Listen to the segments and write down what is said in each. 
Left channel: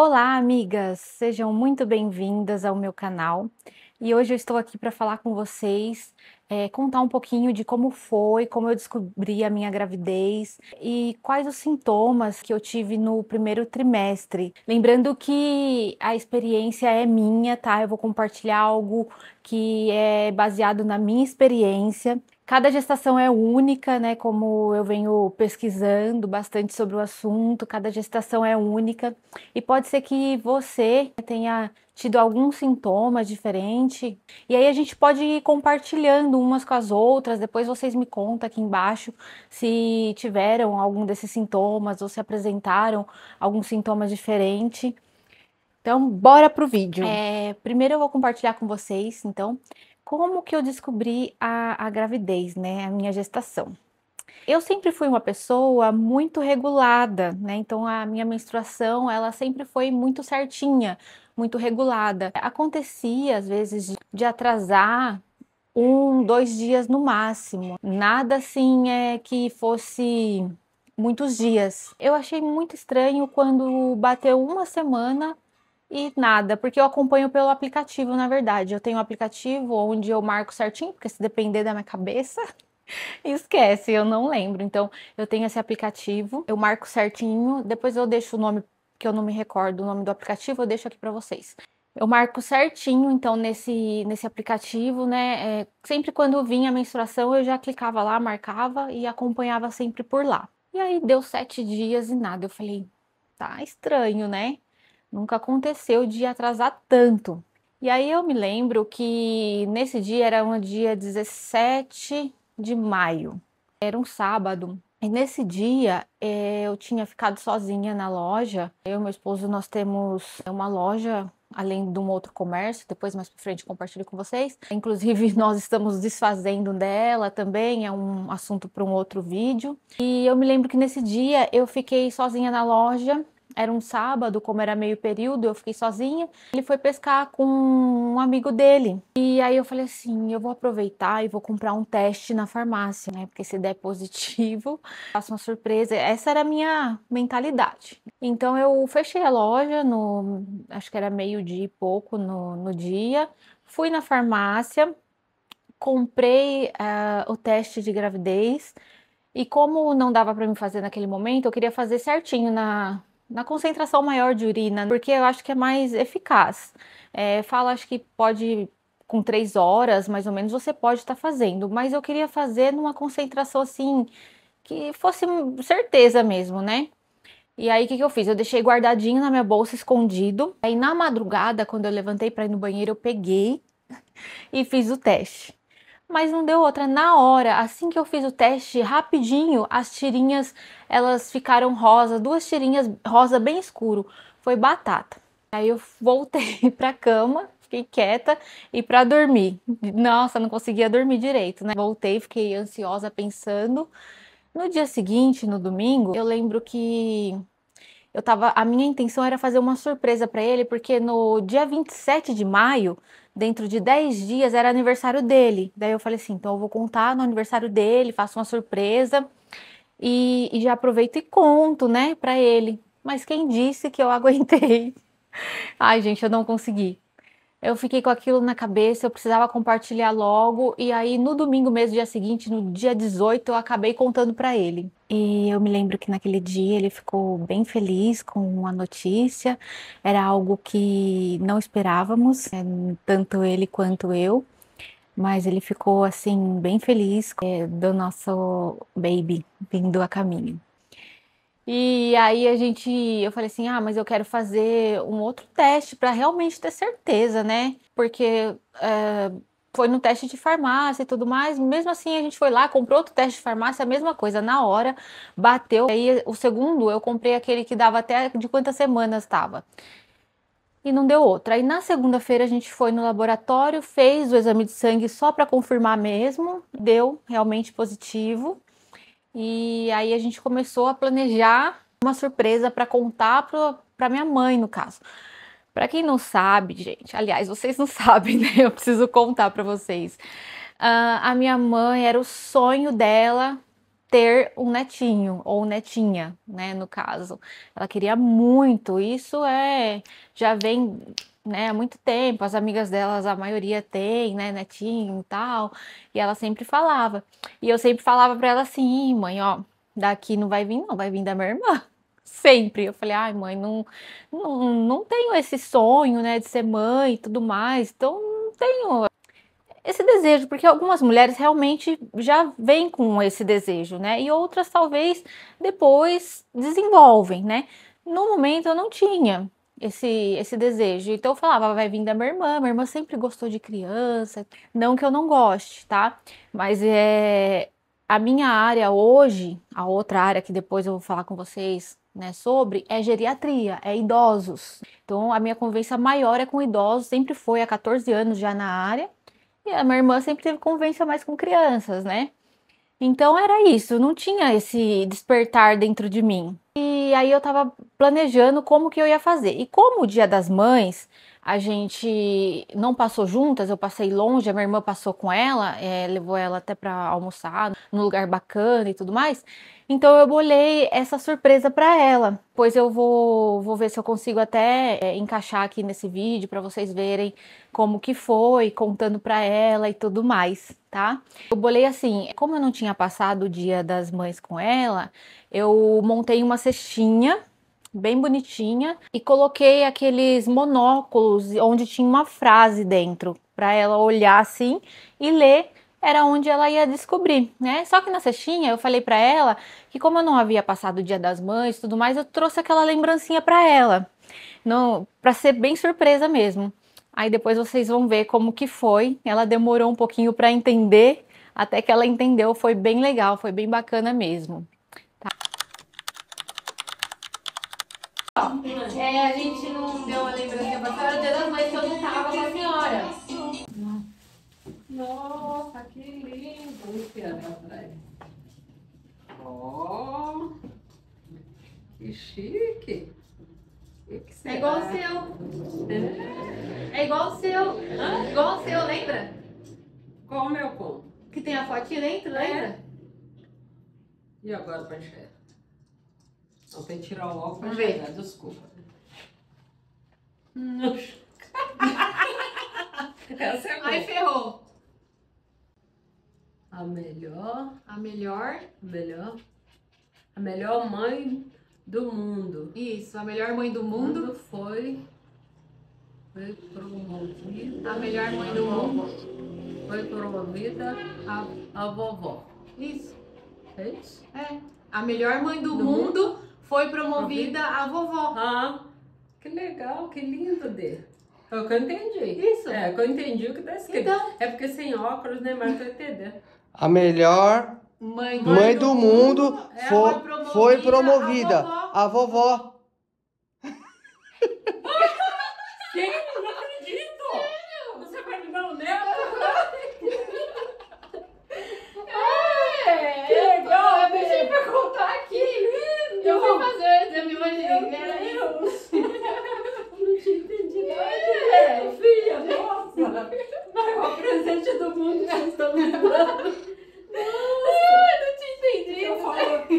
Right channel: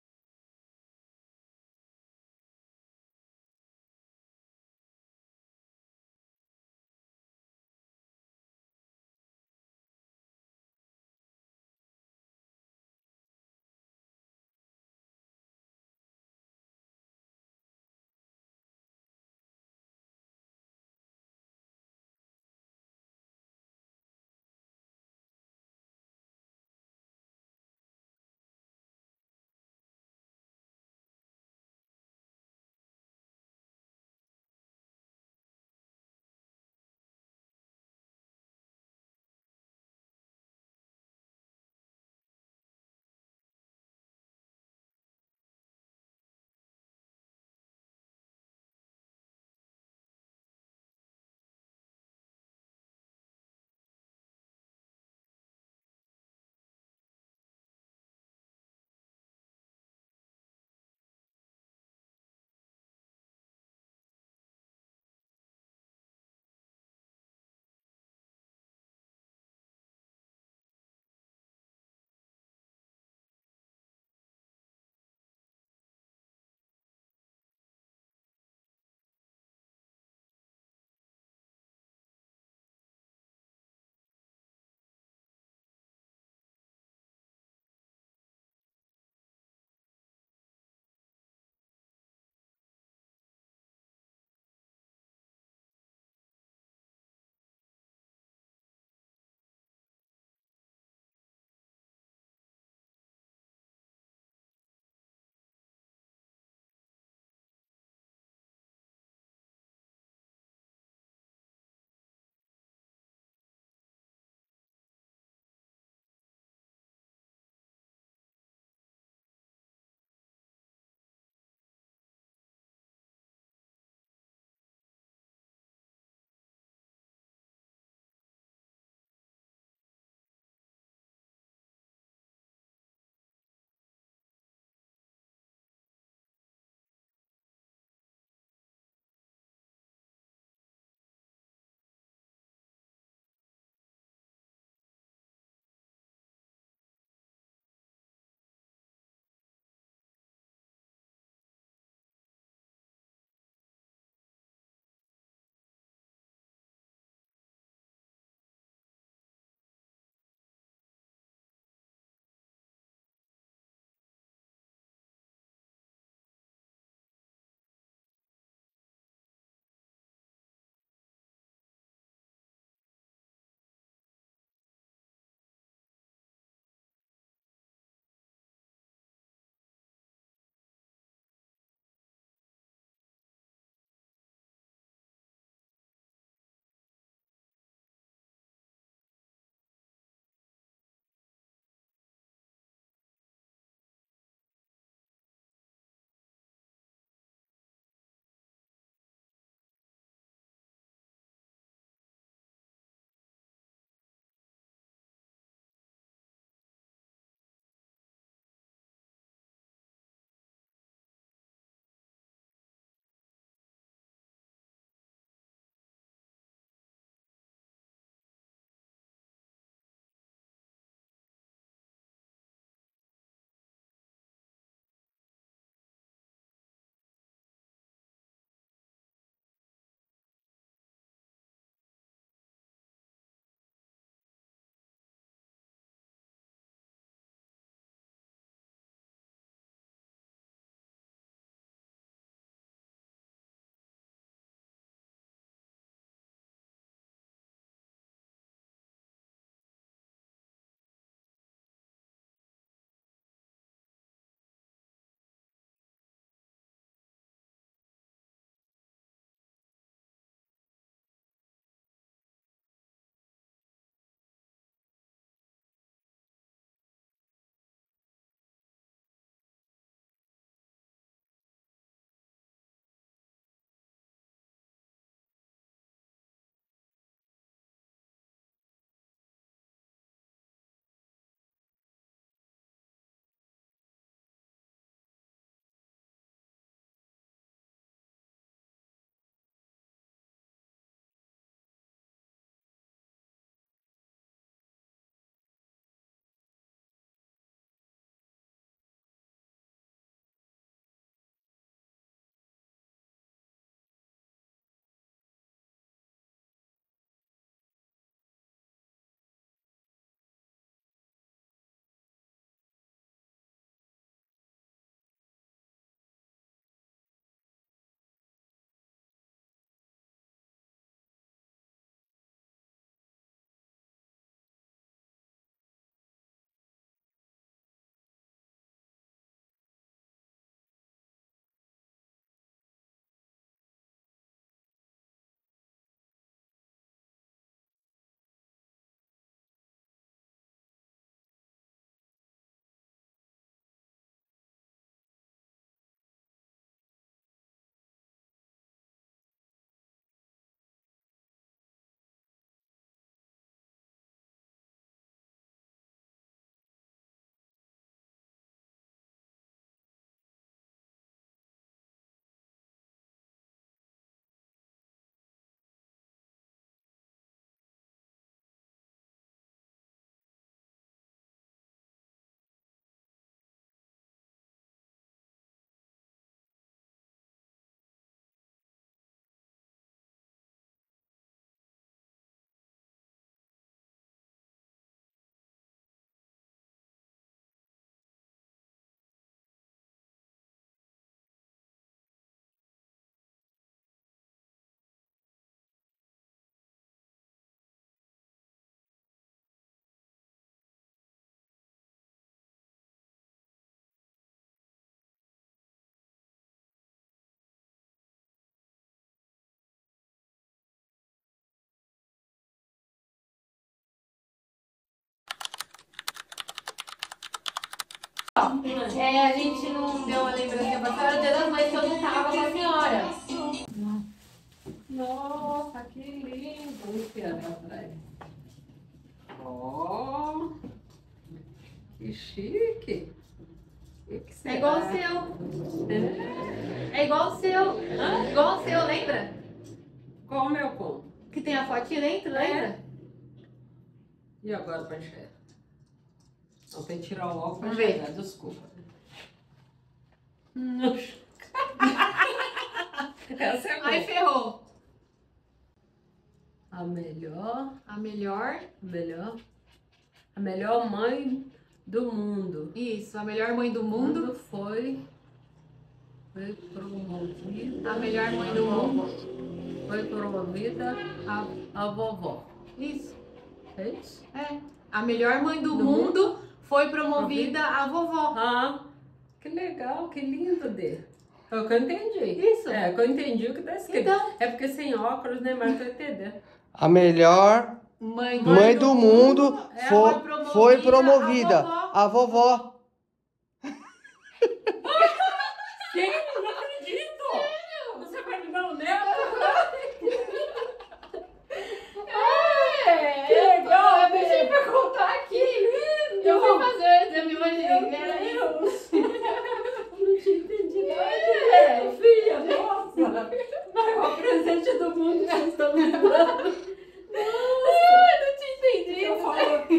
Olá, amigas! Sejam muito bem-vindas ao meu canal. E hoje eu estou aqui para falar com vocês, contar um pouquinho de como foi, como eu descobri a minha gravidez e quais os sintomas que eu tive no primeiro trimestre. Lembrando que a experiência é minha, tá? Eu vou compartilhar algo que é baseado na minha experiência. Cada gestação é única, né? Como eu venho pesquisando bastante sobre o assunto, cada gestação é única. E pode ser que você tenha tido algum sintoma diferente, e aí a gente pode ir compartilhando umas com as outras. Depois vocês me contam aqui embaixo se tiveram algum desses sintomas ou se apresentaram algum sintoma diferente. Então, bora pro vídeo. Primeiro eu vou compartilhar com vocês, então, como que eu descobri a gravidez, né, a minha gestação. Eu sempre fui uma pessoa muito regulada, né, então a minha menstruação, ela sempre foi muito certinha, muito regulada. Acontecia, às vezes, de atrasar 1, 2 dias no máximo, nada assim, que fosse muitos dias. Eu achei muito estranho quando bateu uma semana e nada, porque eu acompanho pelo aplicativo, na verdade. Eu tenho um aplicativo onde eu marco certinho, porque se depender da minha cabeça, esquece, eu não lembro. Então, eu tenho esse aplicativo, eu marco certinho, depois eu deixo o nome, que eu não me recordo o nome do aplicativo, eu deixo aqui para vocês. Eu marco certinho, então, nesse aplicativo, né? Sempre quando vinha a menstruação, eu já clicava lá, marcava e acompanhava sempre por lá. E aí deu 7 dias e nada. Eu falei, tá estranho, né? Nunca aconteceu de atrasar tanto. E aí eu me lembro que nesse dia era um dia 17 de maio, era um sábado. E nesse dia eu tinha ficado sozinha na loja. Eu e meu esposo, nós temos uma loja além de um outro comércio, depois mais pra frente compartilho com vocês. Inclusive nós estamos desfazendo dela também, é um assunto para um outro vídeo. E eu me lembro que nesse dia eu fiquei sozinha na loja. Era um sábado, como era meio período, eu fiquei sozinha. Ele foi pescar com um amigo dele. E aí eu falei assim, eu vou aproveitar e vou comprar um teste na farmácia, né? Porque se der positivo, faço uma surpresa. Essa era a minha mentalidade. Então eu fechei a loja acho que era meio-dia e pouco no dia. Fui na farmácia, comprei o teste de gravidez. E como não dava para me fazer naquele momento, eu queria fazer certinho na concentração maior de urina, porque eu acho que é mais eficaz. Fala, acho que pode, com 3 horas, mais ou menos, você pode estar fazendo, mas eu queria fazer numa concentração assim, que fosse certeza mesmo, né? E aí, o que que eu fiz? Eu deixei guardadinho na minha bolsa, escondido. Aí, na madrugada, quando eu levantei para ir no banheiro, eu peguei e fiz o teste. Mas não deu outra. Na hora, assim que eu fiz o teste, rapidinho, as tirinhas, elas ficaram rosa, duas tirinhas rosa bem escuro. Foi batata. Aí eu voltei pra cama, fiquei quieta e pra dormir. Nossa, não conseguia dormir direito, né? Voltei, fiquei ansiosa pensando. No dia seguinte, no domingo, eu lembro que a minha intenção era fazer uma surpresa para ele, porque no dia 27 de maio, dentro de 10 dias, era aniversário dele. Daí eu falei assim, então eu vou contar no aniversário dele, faço uma surpresa e já aproveito e conto, né, para ele. Mas quem disse que eu aguentei? Ai, gente, eu não consegui. Eu fiquei com aquilo na cabeça, eu precisava compartilhar logo, e aí no domingo mesmo, dia seguinte, no dia 18, eu acabei contando para ele. E eu me lembro que naquele dia ele ficou bem feliz com a notícia, era algo que não esperávamos, tanto ele quanto eu, mas ele ficou assim, bem feliz, do nosso baby vindo a caminho. E aí eu falei assim, ah, mas eu quero fazer um outro teste para realmente ter certeza, né? Porque foi no teste de farmácia e tudo mais. Mesmo assim, a gente foi lá, comprou outro teste de farmácia, a mesma coisa, na hora, bateu. Aí o segundo, eu comprei aquele que dava até de quantas semanas estava. E não deu outra. Aí na segunda-feira a gente foi no laboratório, fez o exame de sangue só para confirmar mesmo, deu realmente positivo. E aí a gente começou a planejar uma surpresa para contar para minha mãe, no caso. Para quem não sabe, gente, aliás, vocês não sabem, né? Eu preciso contar para vocês. A minha mãe era o sonho dela ter um netinho ou netinha, né, no caso. Ela queria muito, isso já vem, né, há muito tempo, as amigas delas, a maioria tem, né, netinho e tal, e ela sempre falava. E eu sempre falava para ela assim: mãe, ó, daqui não vai vir não, vai vir da minha irmã. Sempre. Eu falei: ai mãe, não tenho esse sonho, né, de ser mãe e tudo mais, então não tenho esse desejo, porque algumas mulheres realmente já vêm com esse desejo, né? E outras talvez depois desenvolvem, né? No momento eu não tinha esse desejo. Então eu falava, vai vir da minha irmã sempre gostou de criança. Não que eu não goste, tá? Mas a minha área hoje, a outra área que depois eu vou falar com vocês, né, sobre, é geriatria, é idosos. Então a minha convivência maior é com idosos, sempre foi há 14 anos já na área. E a minha irmã sempre teve convivência mais com crianças, né? Então era isso, não tinha esse despertar dentro de mim. E aí eu tava planejando como que eu ia fazer. E como o Dia das Mães a gente não passou juntas, eu passei longe, a minha irmã passou com ela, levou ela até para almoçar num lugar bacana e tudo mais. Então eu bolei essa surpresa para ela, pois eu vou ver se eu consigo até encaixar aqui nesse vídeo para vocês verem como que foi, contando para ela e tudo mais, tá? Eu bolei assim, como eu não tinha passado o Dia das Mães com ela, eu montei uma cestinha bem bonitinha e coloquei aqueles monóculos onde tinha uma frase dentro para ela olhar assim e ler. Era onde ela ia descobrir, né? Só que na cestinha eu falei para ela que como eu não havia passado o Dia das Mães e tudo mais, eu trouxe aquela lembrancinha para ela, não, para ser bem surpresa mesmo. Aí depois vocês vão ver como que foi. Ela demorou um pouquinho para entender, até que ela entendeu, foi bem legal, foi bem bacana mesmo. A gente não deu uma lembrancinha pra senhora, o Dia das Mães que eu não tava com a senhora. Nossa, que lindo esse ano atrás. Ó, que chique. Que será? É igual o seu. É igual o seu. Hã? Igual o seu, lembra? Qual o meu ponto? Que tem a fotinha dentro, lembra? E agora pra enxergar? Não, tem que tirar o óculos pra Vamos ver. enxergar, desculpa. Não. Essa é boa. Aí ferrou. A melhor, A melhor. a melhor mãe do mundo. Isso, a melhor mãe do mundo. Foi promovida. A melhor mãe do mundo. Foi promovida a vovó. Isso. É isso? É. A melhor mãe do Do mundo foi promovida a vovó. Ah, que legal, que lindo, Dê. Foi o que eu entendi. Isso. É, que eu entendi o que tá escrito. Então. É porque sem óculos, né, mas eu tô entendendo. A melhor mãe do mundo foi promovida. A vovó. Sim, eu não acredito! Sério? Você vai me dar um neto? Que legal, eu deixei pra contar aqui. Eu fui fazer, eu me imaginei. Era isso. Eu não tinha entendido nada. Filha, nossa! Maior presente do mundo que vocês estão me dando. Não tinha entendido.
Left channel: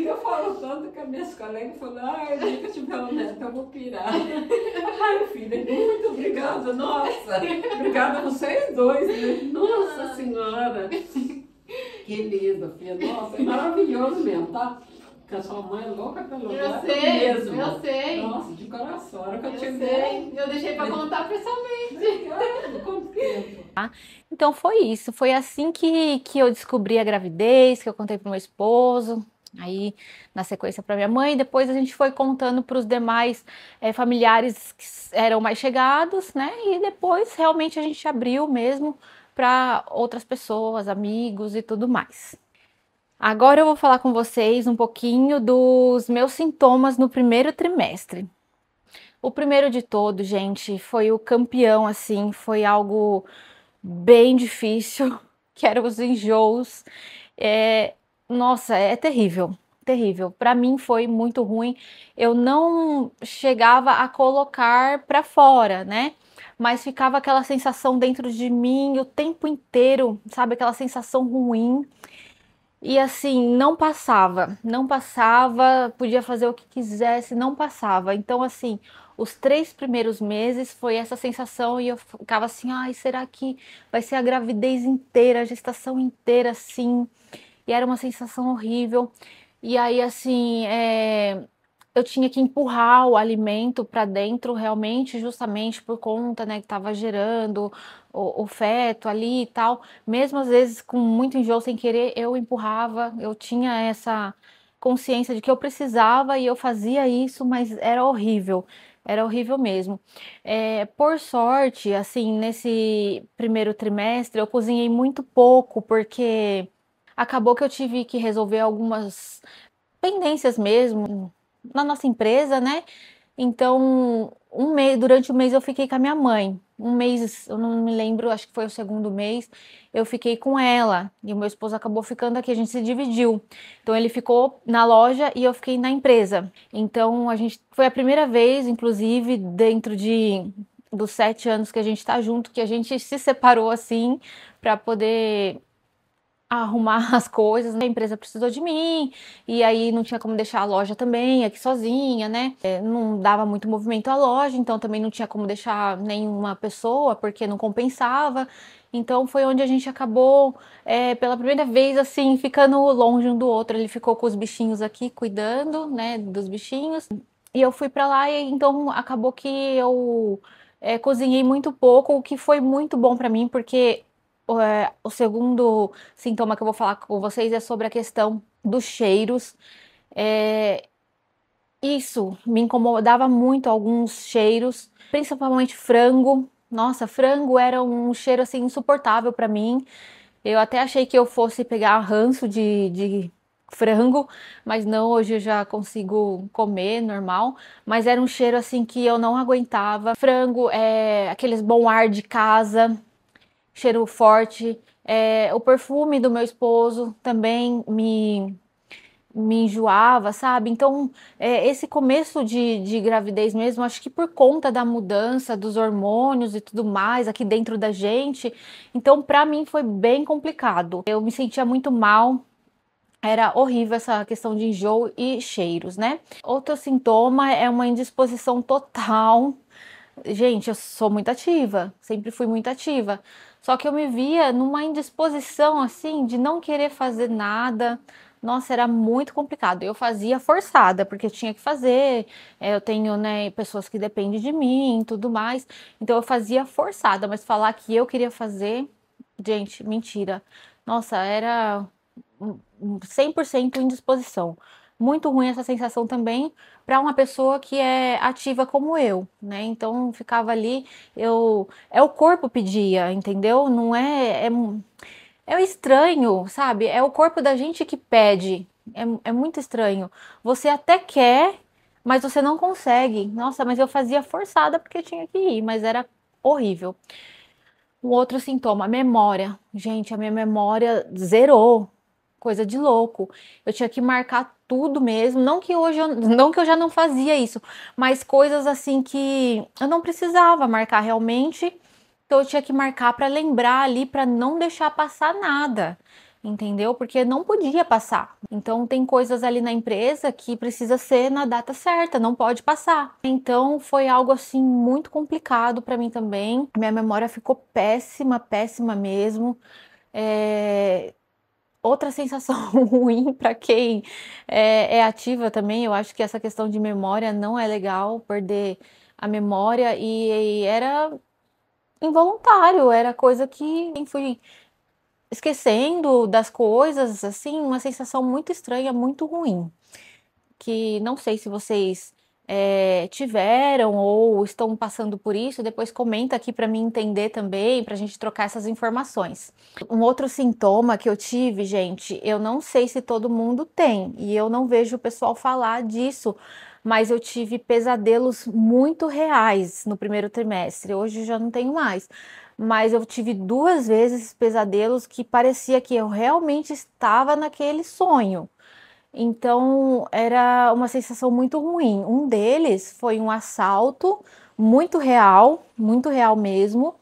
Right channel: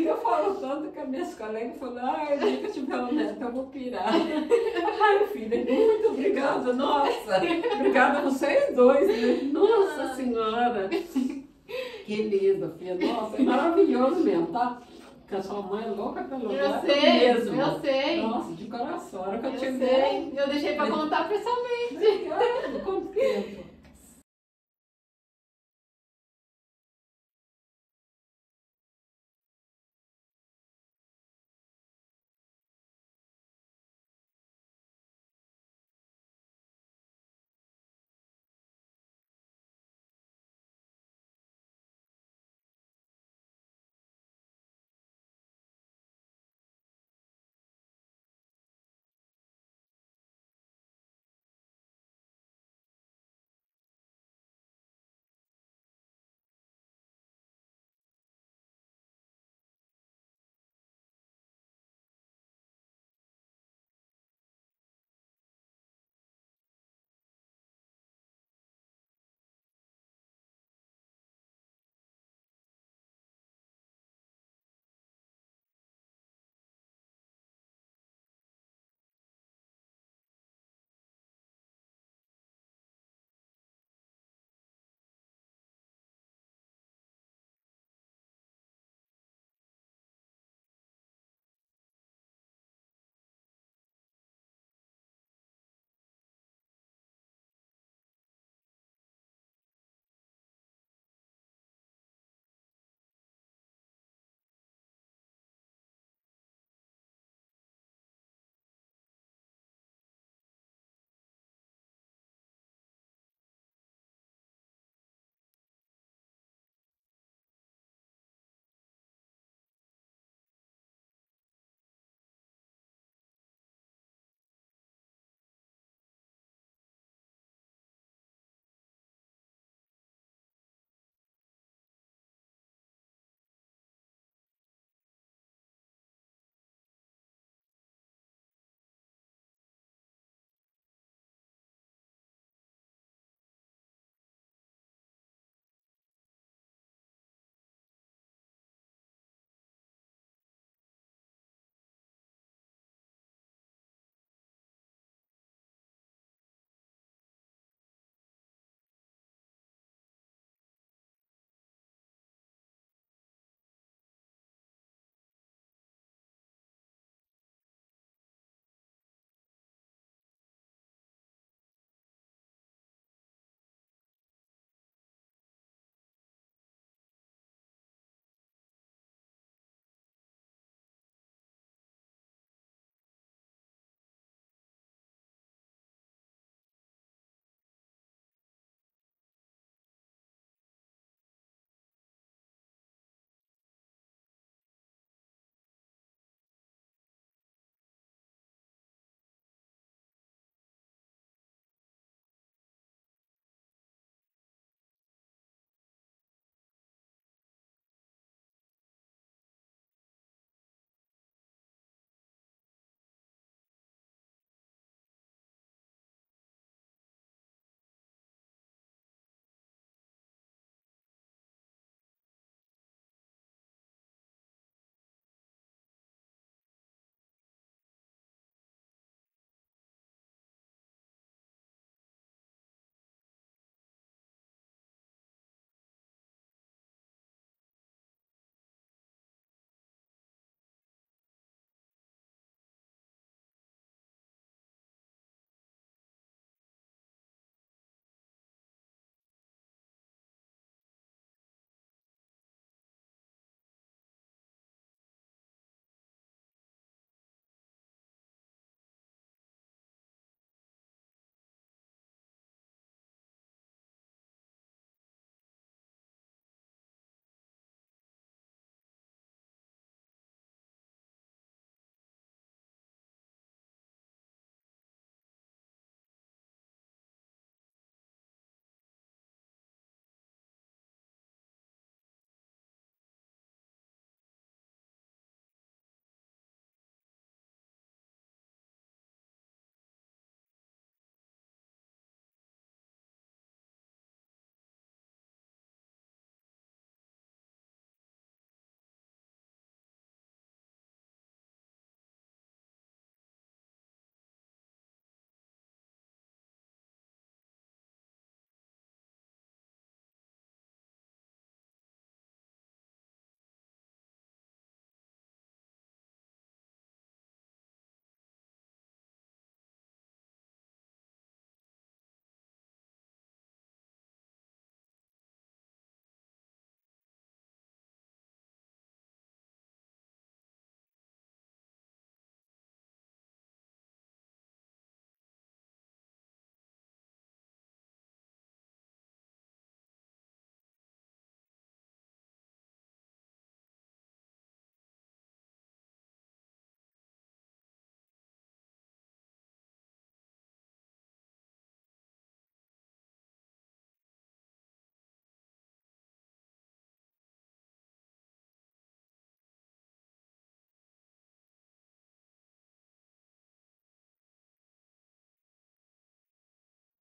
Eu falo tanto que as minhas colegas falam, ai, nunca tiver um neto, eu vou pirar. Ai, filha, muito obrigada, nossa. Obrigada a vocês dois, né? Nossa Senhora. Que lindo, filha. Nossa, é maravilhoso mesmo, tá? Porque a sua mãe é louca pelo neto mesmo. Eu sei. Nossa, de coração. A hora que eu Eu te sei. Eu deixei pra contar pessoalmente. Obrigada, quanto tempo. Então foi isso, foi assim que eu descobri a gravidez, que eu contei pro meu esposo, aí na sequência para minha mãe, depois a gente foi contando para os demais familiares que eram mais chegados, né? E depois realmente a gente abriu mesmo para outras pessoas, amigos e tudo mais. Agora eu vou falar com vocês um pouquinho dos meus sintomas no primeiro trimestre. O primeiro de todo, gente, foi o campeão, assim, foi algo bem difícil, que eram os enjoos. Nossa, é terrível, terrível. Para mim foi muito ruim. Eu não chegava a colocar para fora, né? Mas ficava aquela sensação dentro de mim o tempo inteiro, sabe? Aquela sensação ruim. E assim, não passava, não passava, podia fazer o que quisesse, não passava. Então, assim, os 3 primeiros meses foi essa sensação e eu ficava assim, ai, será que vai ser a gravidez inteira, a gestação inteira, assim? E era uma sensação horrível. E aí, assim, eu tinha que empurrar o alimento para dentro realmente, justamente por conta, né, que estava gerando o feto ali e tal. Mesmo às vezes com muito enjoo sem querer, eu empurrava, eu tinha essa consciência de que eu precisava e eu fazia isso, mas era horrível mesmo. Por sorte, assim, nesse primeiro trimestre eu cozinhei muito pouco, porque acabou que eu tive que resolver algumas pendências mesmo na nossa empresa, né? Então, durante o mês eu fiquei com a minha mãe. Um mês, eu não me lembro, acho que foi o segundo mês, eu fiquei com ela. E o meu esposo acabou ficando aqui, a gente se dividiu. Então, ele ficou na loja e eu fiquei na empresa. Então, a gente foi a primeira vez, inclusive, dentro dos 7 anos que a gente está junto, que a gente se separou assim para poder arrumar as coisas, né? A empresa precisou de mim, e aí não tinha como deixar a loja também aqui sozinha, né? Não dava muito movimento à loja, então também não tinha como deixar nenhuma pessoa, porque não compensava. Então foi onde a gente acabou, pela primeira vez, assim, ficando longe um do outro. Ele ficou com os bichinhos aqui, cuidando, né, dos bichinhos, e eu fui para lá, e então acabou que eu cozinhei muito pouco, o que foi muito bom para mim, porque o segundo sintoma que eu vou falar com vocês é sobre a questão dos cheiros. Eh, Isso me incomodava muito, alguns cheiros, principalmente frango. Nossa, frango era um cheiro assim insuportável para mim. Eu até achei que eu fosse pegar ranço de frango, mas não, hoje eu já consigo comer normal. Mas era um cheiro assim que eu não aguentava. Frango, aqueles bom ar de casa, cheiro forte. O perfume do meu esposo também me enjoava, sabe? Então, esse começo de gravidez mesmo, acho que por conta da mudança dos hormônios e tudo mais aqui dentro da gente, então para mim foi bem complicado. Eu me sentia muito mal. Era horrível essa questão de enjoo e cheiros, né? Outro sintoma é uma indisposição total. Gente, eu sou muito ativa, sempre fui muito ativa. Só que eu me via numa indisposição assim de não querer fazer nada. Nossa, era muito complicado. Eu fazia forçada, porque eu tinha que fazer. Eu tenho, né, pessoas que dependem de mim e tudo mais. Então eu fazia forçada, mas falar que eu queria fazer, gente, mentira. Nossa, era 100% indisposição. Muito ruim essa sensação também para uma pessoa que é ativa como eu, né? Então ficava ali, é o corpo pedia, entendeu? Não é estranho, sabe? É o corpo da gente que pede. É muito estranho. Você até quer, mas você não consegue. Nossa, mas eu fazia forçada porque tinha que ir, mas era horrível. Um outro sintoma, memória. Gente, a minha memória zerou. Coisa de louco. Eu tinha que marcar tudo mesmo. Não que hoje não que eu já não fazia isso, mas coisas assim que eu não precisava marcar realmente. Então eu tinha que marcar para lembrar ali, para não deixar passar nada. Entendeu? Porque não podia passar. Então tem coisas ali na empresa que precisa ser na data certa, não pode passar. Então foi algo assim muito complicado para mim também. Minha memória ficou péssima, péssima mesmo. É, Outra sensação ruim para quem é ativa também, eu acho que essa questão de memória não é legal, perder a memória, e era involuntário, era coisa que fui esquecendo das coisas, assim, uma sensação muito estranha, muito ruim, que não sei se vocês tiveram ou estão passando por isso. Depois comenta aqui para mim entender também, para a gente trocar essas informações. Um outro sintoma que eu tive, gente, eu não sei se todo mundo tem, e eu não vejo o pessoal falar disso, mas eu tive pesadelos muito reais no primeiro trimestre. Hoje eu já não tenho mais, mas eu tive 2 vezes pesadelos que parecia que eu realmente estava naquele sonho. Então era uma sensação muito ruim. Um deles foi um assalto muito real mesmo.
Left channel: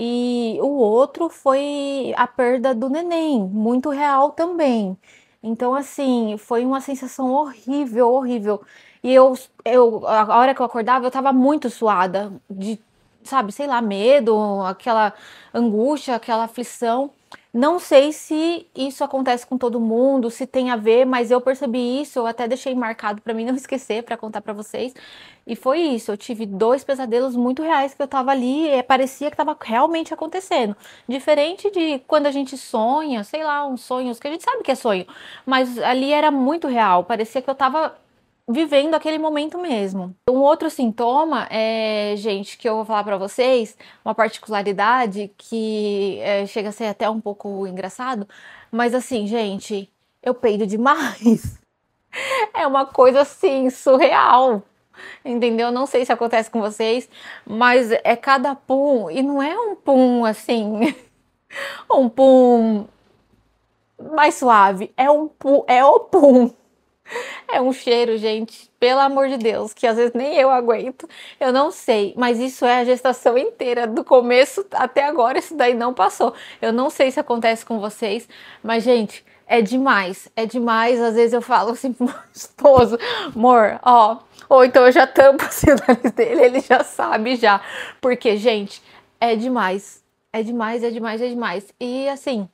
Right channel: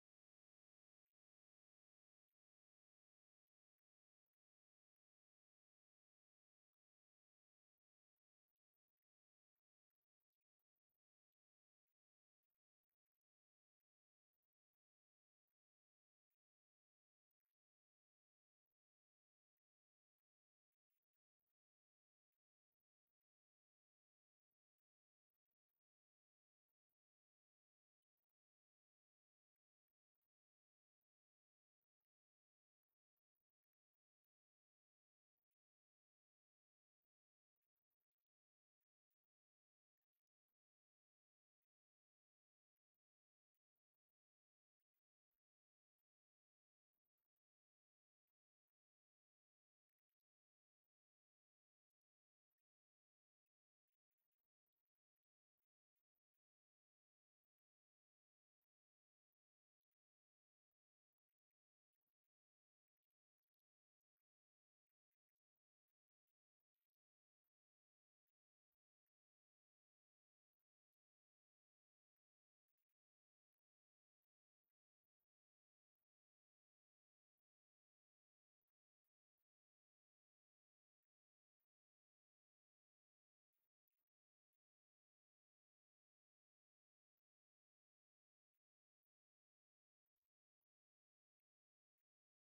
e o outro foi a perda do neném, muito real também. Então, assim, foi uma sensação horrível, horrível. E a hora que eu acordava, eu estava muito suada, de, sabe, sei lá, medo, aquela angústia, aquela aflição. Não sei se isso acontece com todo mundo, se tem a ver, mas eu percebi isso, eu até deixei marcado para mim não esquecer, para contar para vocês. E foi isso, eu tive 2 pesadelos muito reais que eu estava ali, parecia que estava realmente acontecendo. Diferente de quando a gente sonha, sei lá, uns sonhos que a gente sabe que é sonho, mas ali era muito real, parecia que eu estava vivendo aquele momento mesmo. Um outro sintoma é, gente, que eu vou falar para vocês, uma particularidade que chega a ser até um pouco engraçado, mas assim, gente, eu peido demais. É uma coisa assim surreal. Entendeu? Não sei se acontece com vocês, mas é cada pum, e não é um pum assim, um pum mais suave, é um pum, é o pum. É um cheiro, gente, pelo amor de Deus, que às vezes nem eu aguento. Eu não sei, mas isso é a gestação inteira, do começo até agora, isso daí não passou. Eu não sei se acontece com vocês, mas, gente, é demais, é demais. Às vezes eu falo assim pro meu esposo, amor, ó, ou então eu já tampo assim o nariz dele, ele já sabe já. Porque, gente, é demais, é demais, é demais, é demais. E assim.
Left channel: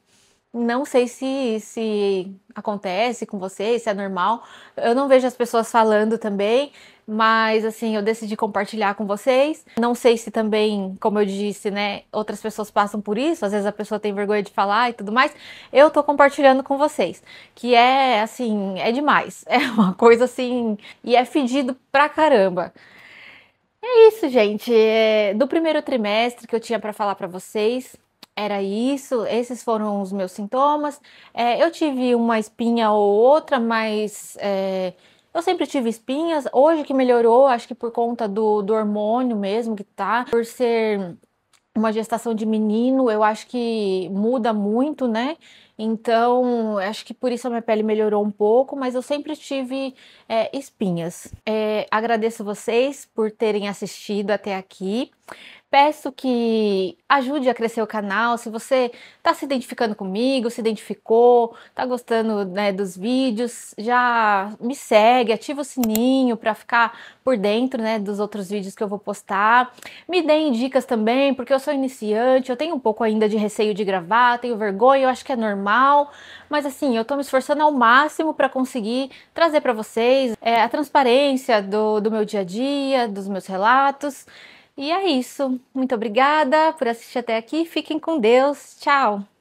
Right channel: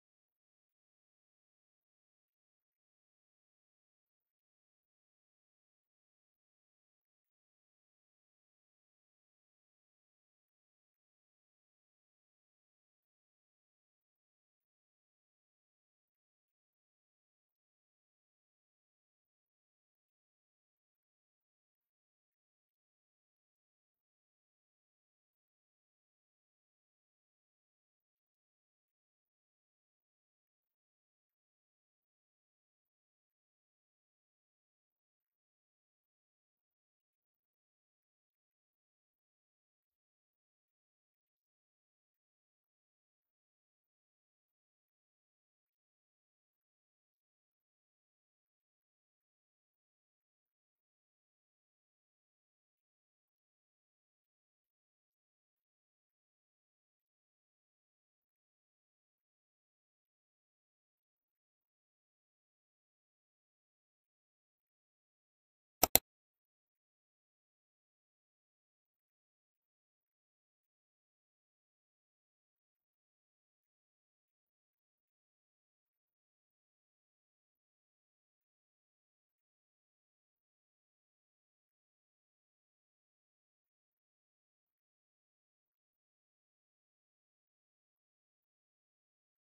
Não sei se acontece com vocês, se é normal. Eu não vejo as pessoas falando também, mas assim, eu decidi compartilhar com vocês. Não sei se também, como eu disse, né, outras pessoas passam por isso, às vezes a pessoa tem vergonha de falar e tudo mais. Eu tô compartilhando com vocês, que é assim, é demais. É uma coisa assim, e é fedido pra caramba. É isso, gente. Do primeiro trimestre que eu tinha para falar para vocês, era isso. Esses foram os meus sintomas. Eu tive uma espinha ou outra, mas eu sempre tive espinhas. Hoje que melhorou, acho que por conta do hormônio mesmo que tá. Por ser uma gestação de menino, eu acho que muda muito, né? Então, acho que por isso a minha pele melhorou um pouco, mas eu sempre tive espinhas. Agradeço vocês por terem assistido até aqui. Peço que ajude a crescer o canal. Se você está se identificando comigo, se identificou, está gostando, né, dos vídeos, já me segue, ativa o sininho para ficar por dentro, né, dos outros vídeos que eu vou postar. Me deem dicas também, porque eu sou iniciante, eu tenho um pouco ainda de receio de gravar, tenho vergonha, eu acho que é normal, mas assim, eu estou me esforçando ao máximo para conseguir trazer para vocês a transparência do meu dia a dia, dos meus relatos. E é isso. Muito obrigada por assistir até aqui. Fiquem com Deus. Tchau!